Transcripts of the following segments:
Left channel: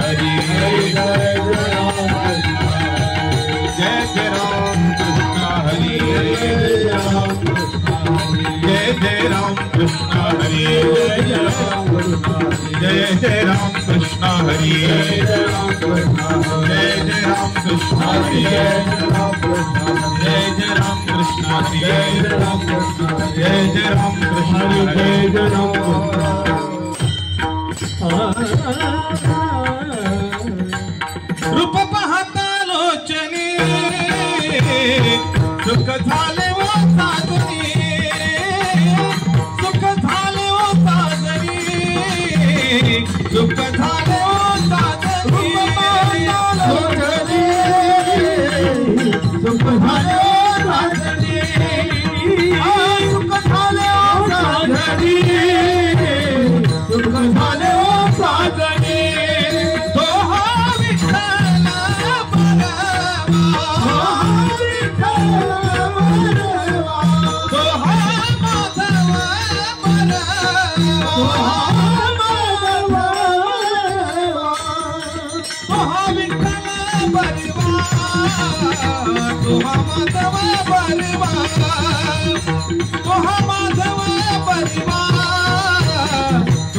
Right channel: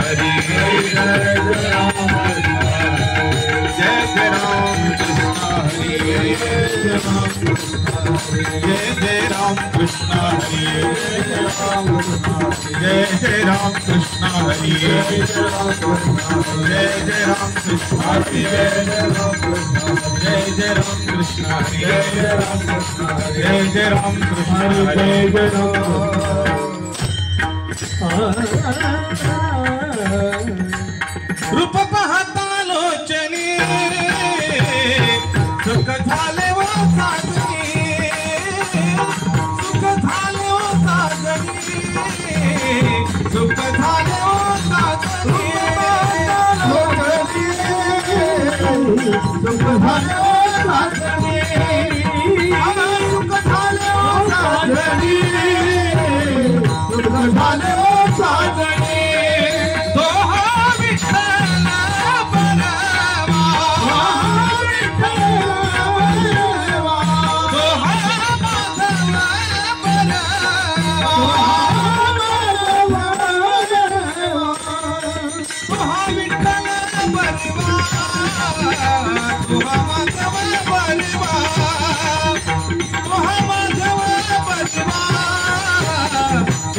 हरि जय जय राम कृष्ण हरि जय जय राम कृष्ण हरि जय जय राम कृष्ण हरि जय जय राम कृष्ण हरि जय जय राम कृष्ण हरि जय जय राम कृष्ण हरि रूप पाहता लोचनी सुख झाले वो साजनी सुख झाले वो साजनी सुख झाले वो साजनी सुख झाले वो साजनी सुख झाले वो साजनी सुख झाले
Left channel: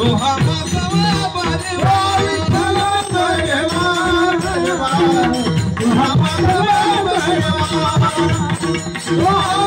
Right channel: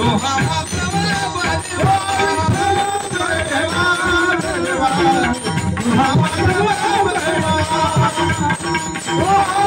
वो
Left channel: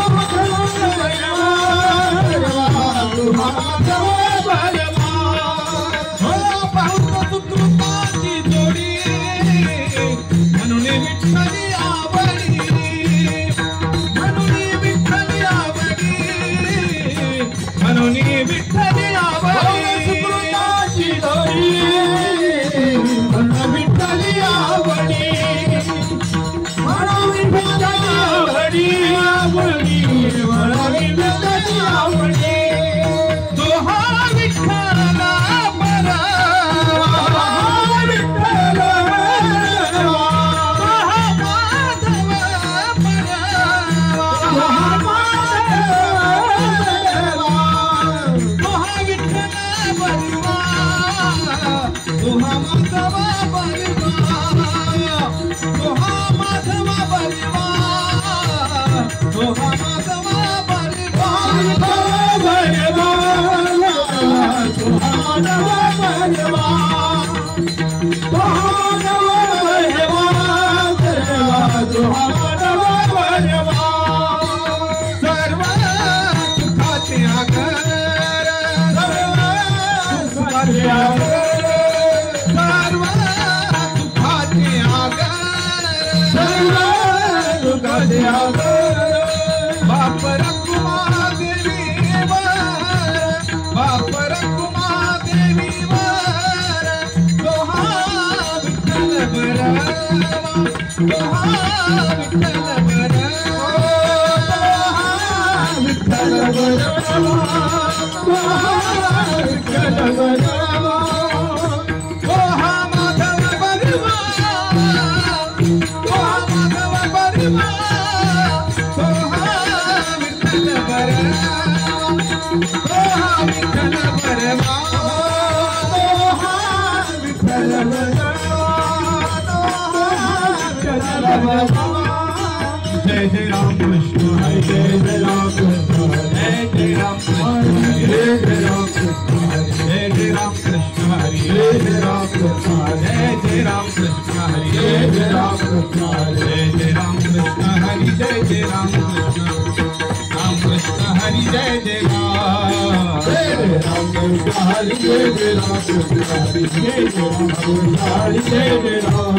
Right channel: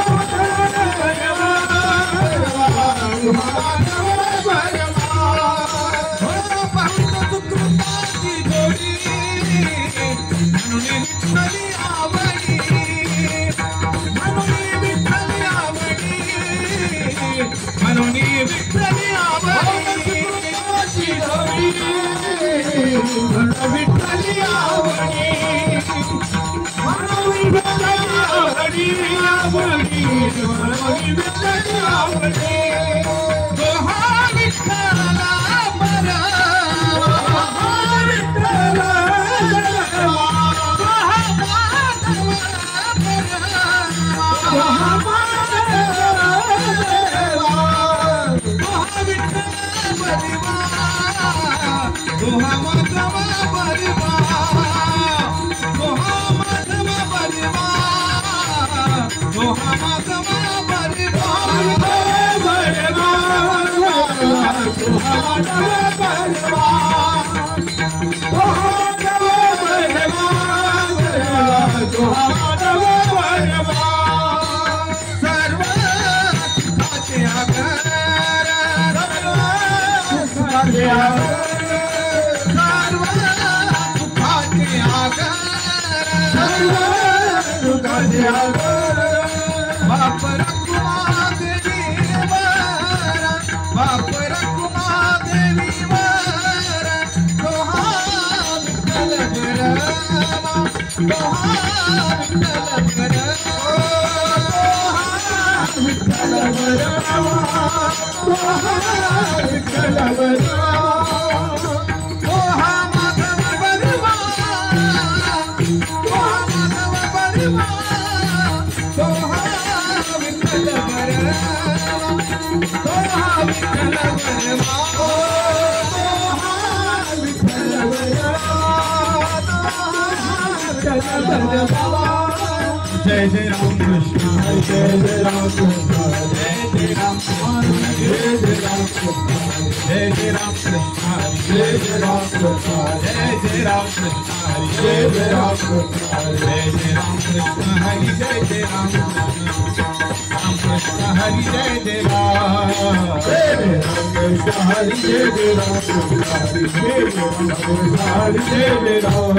साजनी जय जय राम कृष्ण हरे जय जय राम कृष्ण जय जय राम कृष्ण जय जय राम कृष्ण हरे जय जय राम कृष्ण जय जय राम कृष्ण हरे जय जय राम कृष्ण जय जय राम कृष्ण हरे जय जय राम कृष्ण हरे जय जय राम कृष्ण हरे जय जय राम कृष्ण हरे जय जय राम कृष्ण हरे जय जय राम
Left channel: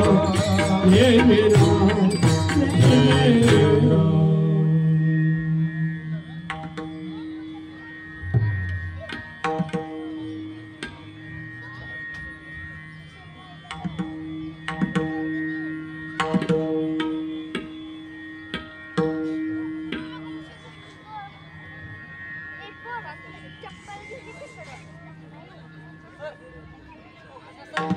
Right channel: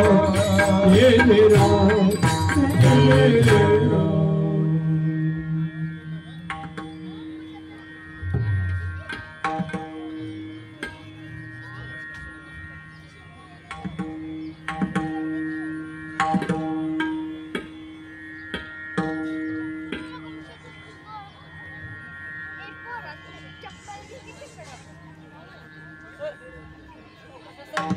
जय जय राम चप्पल